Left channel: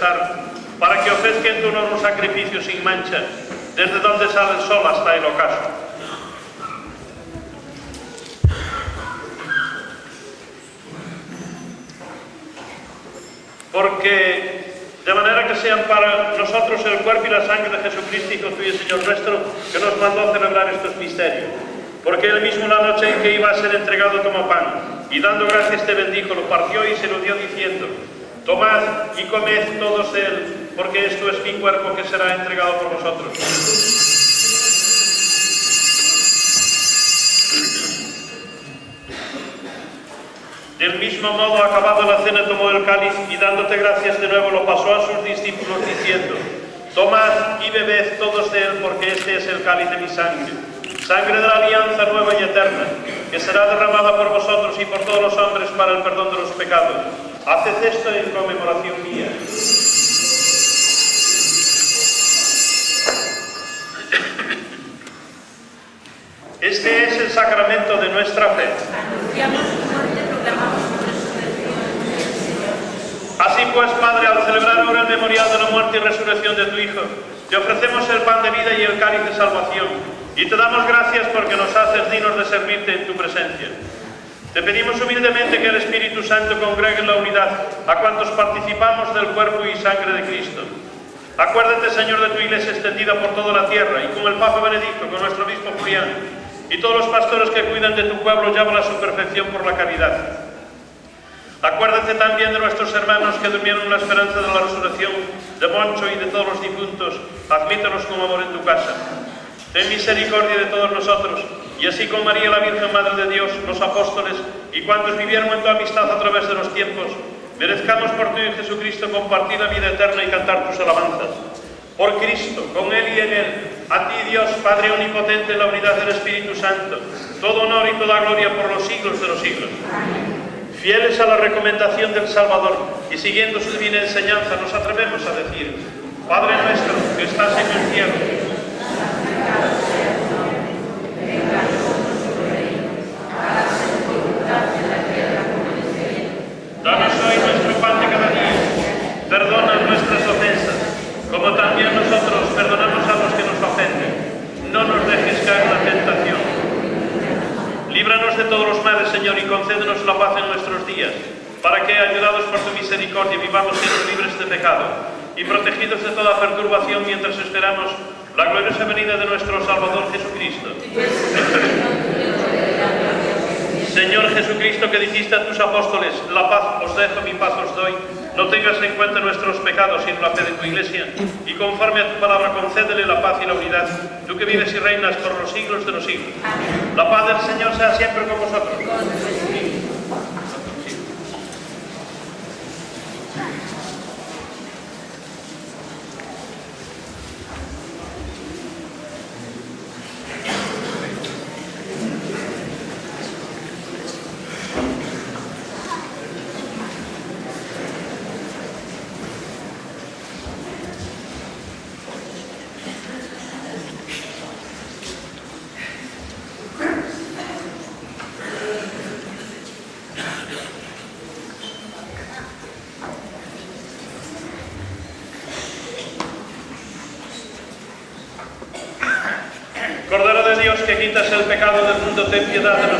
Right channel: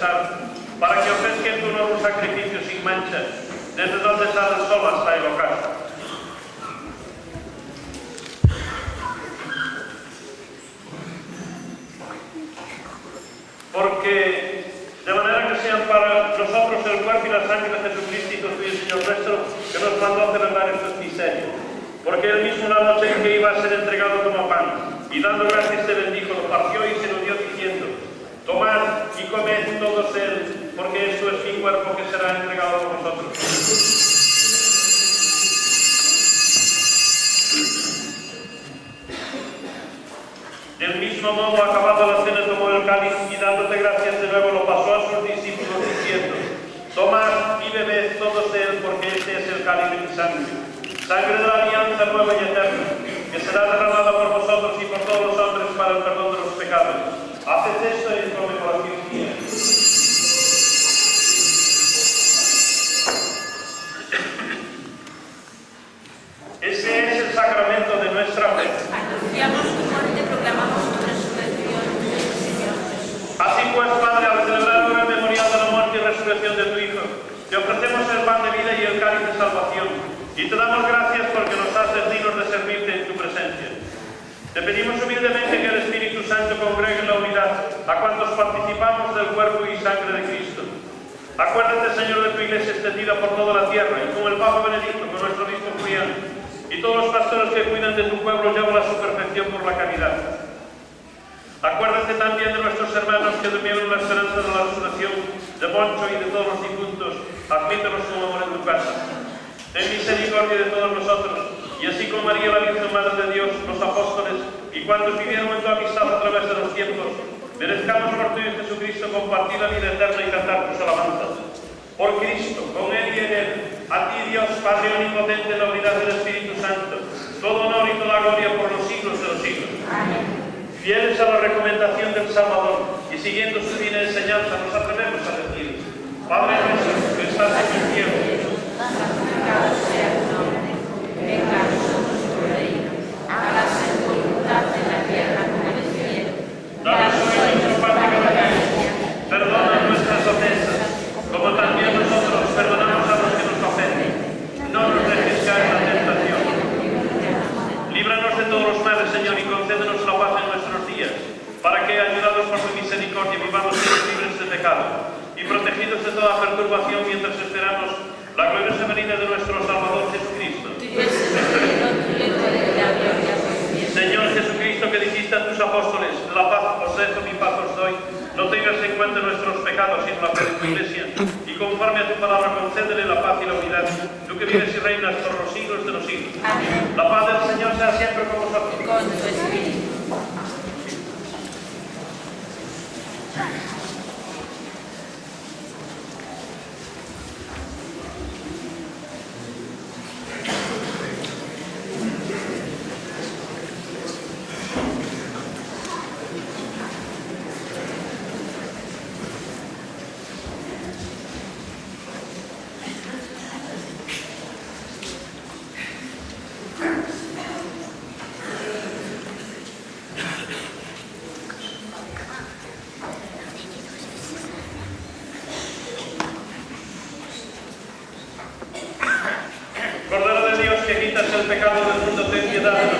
César, para que ofrezca en tu honor un sacrificio sin mancha, desde donde sale el sol hasta el ocaso. Porque de manera que sean para nosotros el cuerpo y la sangre de Jesucristo, Hijo tuyo y Señor nuestro, que nos mandó a celebrar estos misterios. Porque él mismo una noche en que iba a ser entregado como pan, y dando gracias te bendijo, lo partió y se lo dio diciendo: tomad y comed todos él, porque esto es mi cuerpo que será entregado por vosotros. Del mismo modo, acabado la cena, tomó el cáliz y dándote gracias de nuevo lo pasó a sus discípulos diciendo: tomad y bebed todos de él, porque este es el cáliz de mi sangre, sangre de la alianza nueva y eterna, que será derramada por vosotros y por todos los hombres para el perdón de los pecados. Haced esto en conmemoración mía. Este es el sacramento de nuestra fe. Así pues, Padre, al celebrar el memorial de la muerte y resurrección de tu Hijo, te ofrecemos el pan de vida y el cáliz de salvación, y te damos gracias porque nos haces dignos de servirte en tu presencia. Te pedimos humildemente que el Espíritu Santo congregue en la unidad a cuantos participamos del cuerpo y sangre de Cristo. Acuérdate, Señor, de tu Iglesia extendida por toda la tierra, y con el Papa Benedicto, con nuestro obispo Julián, y todos los pastores que cuidan de tu pueblo, llévala a su perfección por la caridad. Acuérdate también de nuestros hermanos que durmieron la esperanza de la resurrección, de Moncho y de todos los difuntos, admítelos como amor en tu casa. Ten misericordia de todos nosotros, y así como María, la Virgen Madre de Dios, los apóstoles, y cuantos vivieron en tu amistad a través de los tiempos, merezcamos por ti, Jesucristo, compartir la vida eterna y cantar tus alabanzas. Por Cristo, con Él y en Él, a ti, Dios, Padre omnipotente, en la unidad del Espíritu Santo, todo honor y toda gloria por los siglos de los siglos. Fieles a la recomendación del Salvador y siguiendo su divina enseñanza, nos atrevemos a decir: Padre nuestro que estás en el cielo, danos hoy nuestro pan de cada día, perdona nuestras ofensas, como también nosotros perdonamos a los que nos ofenden. No nos dejes caer en la tentación. Líbranos de todos los males, Señor, y concédenos la paz en nuestros días, para que, ayudados por tu misericordia, vivamos libres de pecado y protegidos de toda perturbación mientras esperamos la gloriosa venida de nuestro Salvador Jesucristo. Señor Jesucristo, que dijiste a tus apóstoles: la paz os dejo, mi paz os doy, no tengas en cuenta nuestros pecados, sino la fe de tu Iglesia, y conforme a tu palabra concédele la paz y la unidad, tú que vives y reinas por los siglos de los siglos. La paz del Señor sea siempre con vosotros. Cordero de Dios, que quitas el pecado del mundo, ten piedad de nosotros.